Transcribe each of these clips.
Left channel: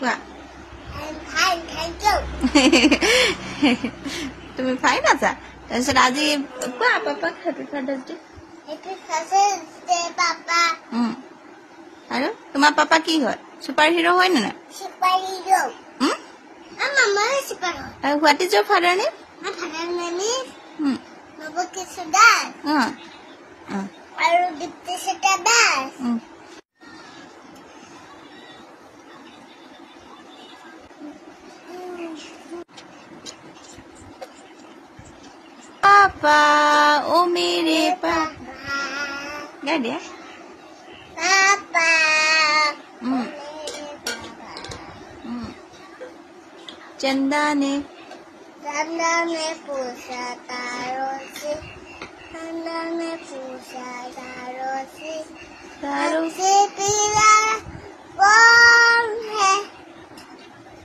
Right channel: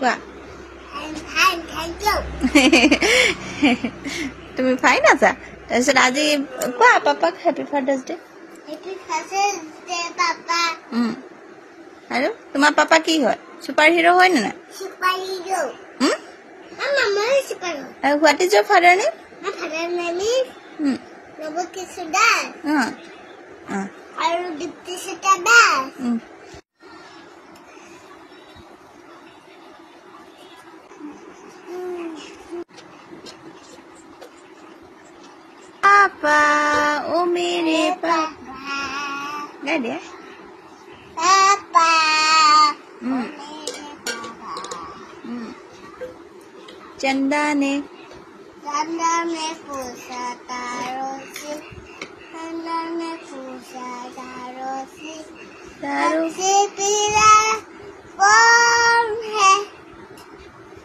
কোৱা তুমি ফাইন আছা তাৰপিছত আজি কোৱা পাপাক হেপী ফাদাৰ্ছ ডে আৰু তোমাৰ পাপা কি হয় ছুপাৰ হিৰো হয় নে নাই আৰু what is your father name Papa, oh mere papa. Dah dia? Papa. Chanda ne pusha tarosi. Chanda ne pusha tarosi. Tarosi pira kौन है?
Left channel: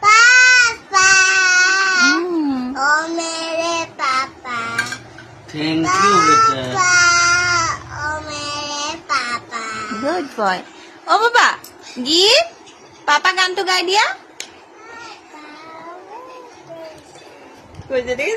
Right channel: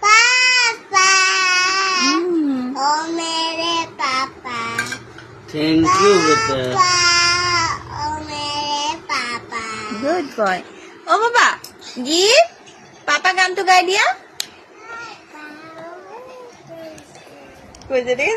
Papa. Oh mere papa. Thank you, beta. Oh, mere papa. Good boy. Oh, Papa. Give. Papa गान तो गा दिया? कुछ नहीं